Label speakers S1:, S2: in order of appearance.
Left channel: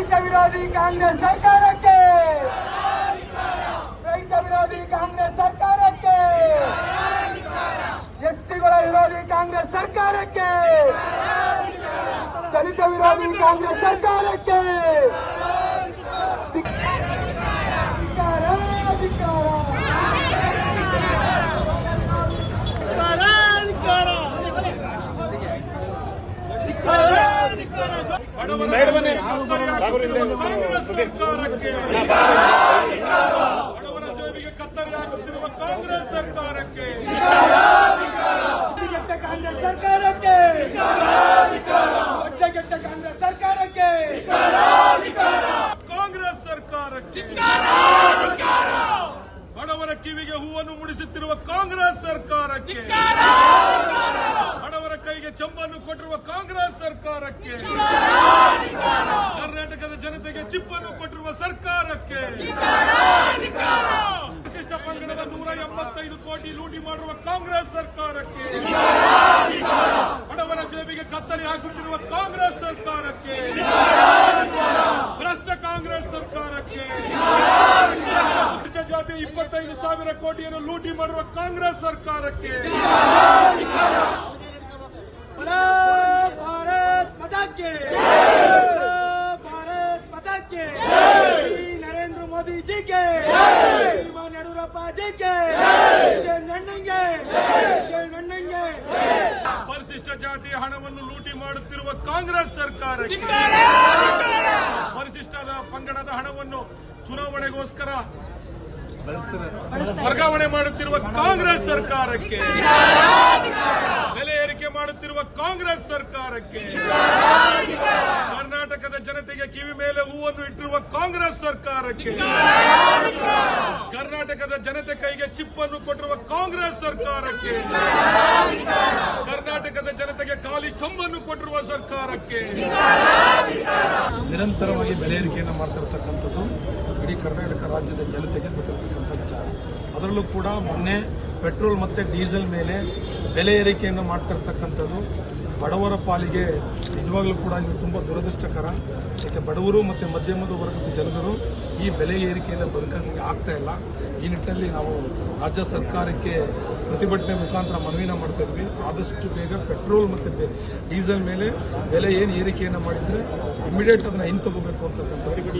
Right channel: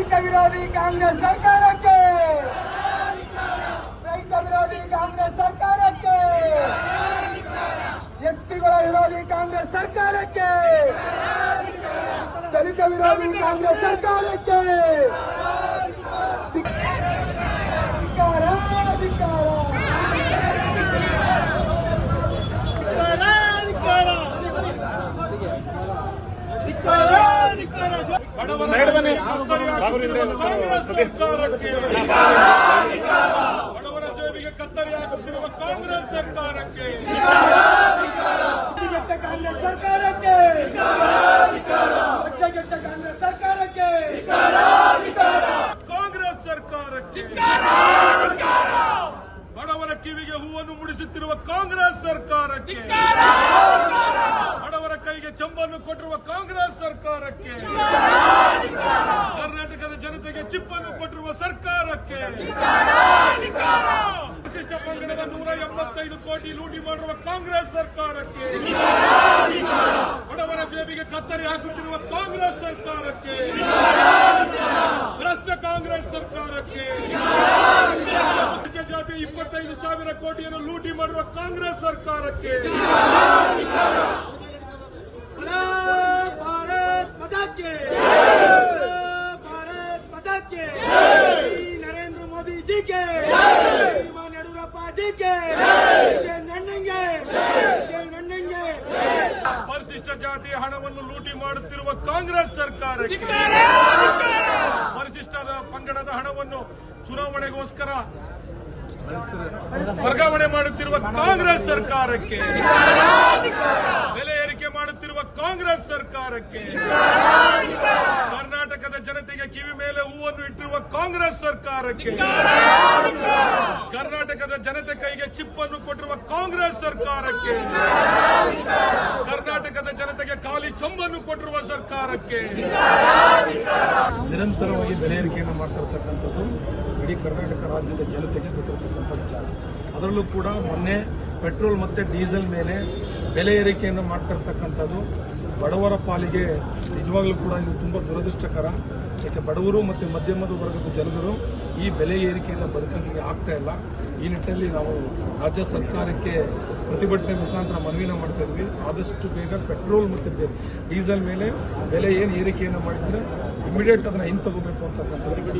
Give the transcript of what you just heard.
S1: ರೈತ ವಿರೋಧಿ ಕಾಂಗ್ರೆಸ್ ಸರ್ಕಾರಕ್ಕೆ ರೈತ ವಿರೋಧಿ ಕಾಂಗ್ರೆಸ್ ಸರ್ಕಾರಕ್ಕೆ ಎಸ್ಟಿಗಳ ವಿರೋಧಿ ಕಾಂಗ್ರೆಸ್ ಸರ್ಕಾರಕ್ಕೆ ದಲಿತ ವಿರೋಧಿ ಕಾಂಗ್ರೆಸ್ ಸರ್ಕಾರಕ್ಕೆ
S2: ಬಡವರ ಕತ್ತರಿ ಹಾಕುತ್ತಿರುವ ಕಾಂಗ್ರೆಸ್ ಸರ್ಕಾರಕ್ಕೆ. ಬಡವರ ಜೇಬಿಗೆ ಕತ್ತರಿ ಹಾಕುತ್ತಿರುವ ಕಾಂಗ್ರೆಸ್ ಸರ್ಕಾರಕ್ಕೆ.
S1: ಕಾಂಗ್ರೆಸ್ ಸರ್ಕಾರಕ್ಕೆ ಕಾಂಗ್ರೆಸ್ ಸರ್ಕಾರಕ್ಕೆ
S2: ಬಡವರ ಕಿವಿಗೆ ಹೂವನ್ನು ಮುಡಿಸುತ್ತಿರುವ ಕಾಂಗ್ರೆಸ್ ಸರ್ಕಾರಕ್ಕೆ. ಬಡವರ ಕೈಗೆ ಚಂಬನ್ನು ಕೊಟ್ಟಿರುವ ಕಾಂಗ್ರೆಸ್ ಸರ್ಕಾರಕ್ಕೆ. ಕರ್ನಾಟಕದ ಜನತೆಗೆ ಚಿಪ್ಪನ್ನು ಕೊಟ್ಟಿರುವ ಸರ್ಕಾರಕ್ಕೆ. ವಿಶಿಷ್ಟ ಪಂಗಡದ ನೂರ ಎಂಬತ್ತೈದು ಕೋಟಿ ಲೂಟಿ ಮಾಡಿರುವ ಕಾಂಗ್ರೆಸ್ ಸರ್ಕಾರಕ್ಕೆ. ಬಡವರ ಜೇಬಿಗೆ ಕತ್ತರಿ ಹಾಕುತ್ತಿರುವ ಕಾಂಗ್ರೆಸ್ ಸರ್ಕಾರಕ್ಕೆ. ಭ್ರಷ್ಟ ಕಾಂಗ್ರೆಸ್ ಸರ್ಕಾರಕ್ಕೆ. ಜಾತಿ ಇಪ್ಪತ್ತೈದು ಸಾವಿರ ಕೋಟಿಯನ್ನು ಲೂಟಿ ಮಾಡಿರುವ ಕಾಂಗ್ರೆಸ್ ಸರ್ಕಾರಕ್ಕೆ.
S1: ಭಾರತ್ ಪದಕ್ಕೆ ಭಾರತ್ ಪದಕ್ಕೆ ನರೇಂದ್ರ ಮೋದಿ ಜಿಗೆ. ಯಡಿಯೂರಪ್ಪ ಜಿಗೆ. ನನ್ನಂಗೆ ನನ್ನಂಗೆ
S2: ಪರಿಶಿಷ್ಟ ಜಾತಿಯ ಹಣವನ್ನು ಲೂಟಿ ಮಾಡುತ್ತಿರುವ ಕಾಂಗ್ರೆಸ್ ಸರ್ಕಾರಕ್ಕೆ. ಪರಿಶಿಷ್ಟದ ಪಂಗಡದ ಹಣವನ್ನು ಚುನಾವಣೆಗೋಸ್ಕರ ವರ್ಗಾವಣೆ ಮಾಡುತ್ತಿರುವ ಕಾಂಗ್ರೆಸ್ ಸರ್ಕಾರಕ್ಕೆ. ಬೆಲೆ ಏರಿಕೆ ಮಾಡುತ್ತಿರುವ ಕಾಂಗ್ರೆಸ್ ಸರ್ಕಾರಕ್ಕೆ. ಕರ್ನಾಟಕದ ಜನತೆಗೆ ಕಿವಿ ಮೇಲೆ ಹೂವನ್ನು ಇಟ್ಟಿರುವ ಕಾಂಗ್ರೆಸ್ ಸರ್ಕಾರಕ್ಕೆ. ಕರ್ನಾಟಕದ ಜನತೆ ಕೈಗೆ ಚಿಪ್ಪನ್ನು ಕೊಟ್ಟಿರುವ ಕಾಂಗ್ರೆಸ್ ಸರ್ಕಾರಕ್ಕೆ. ಕರ್ನಾಟಕದ ಖಾಲಿ ಚೊಂಬನ್ನು ಕೊಟ್ಟಿರುವ ಸರ್ಕಾರಕ್ಕೆ.
S3: ನಿರಂತರವಾಗಿ ಬೆಲೆ ಏರಿಕೆಯನ್ನು ಮಾಡ್ತಿರತಕ್ಕಂಥದ್ದು ಇಡೀ ಕರ್ನಾಟಕ ರಾಜ್ಯದ ಜನತೆಗೆ ಗೊತ್ತಿರತಕ್ಕಂಥ ವಿಚಾರ. ಅದರಲ್ಲೂ ಕೂಡ ಮೊನ್ನೆ ಪೆಟ್ರೋಲ್ ಮತ್ತು ಡೀಸೆಲ್ ಮೇಲೆ ಬೆಲೆ ಏರಿಕೆಯನ್ನು ಮಾಡ್ತಿರ್ತಕ್ಕಂಥದ್ದು ಬಡವರ ಪಾಲಿಗೆ ನಿಜವಾಗ್ಲೂ ಕೂಡ ಇದು ತುಂಬ ದುರದೃಷ್ಟಕರ. ಯಾಕೆ ಬಡವರು ಮತ್ತು ಮಧ್ಯಮದ ವರ್ಗದ ಜನರು ಈ ಬೆಲೆ ಏರಿಕೆಯಿಂದ ಬದುಕಲಿಕ್ಕೆ ಆಗ್ತಾ ಇಲ್ಲ. ಈ ನಿಟ್ಟಿನಲ್ಲಿ ನಾವು ರಾಜ್ಯ ಸರ್ಕಾರಕ್ಕೆ ಪ್ರತಿಭಟನೆ ಮುಖಾಂತರ ಮನವಿನ ಮಾಡ್ತಾ ಇದ್ವಿ. ಆದಷ್ಟು ಬೇಗ ಪೆಟ್ರೋಲ್ ಮತ್ತು ಡೀಸೆಲ್ ಮೇಲೆ ಬೆಲೆ ಏನು ಏರಿಕೆಯನ್ನು ಮಾಡಿದರೆ ಇಮಿಡಿಯೇಟ್ ಅದನ್ನು ಹಿಂತಗೋಬೇಕು ಅಂತಕ್ಕಂಥದ್ದು.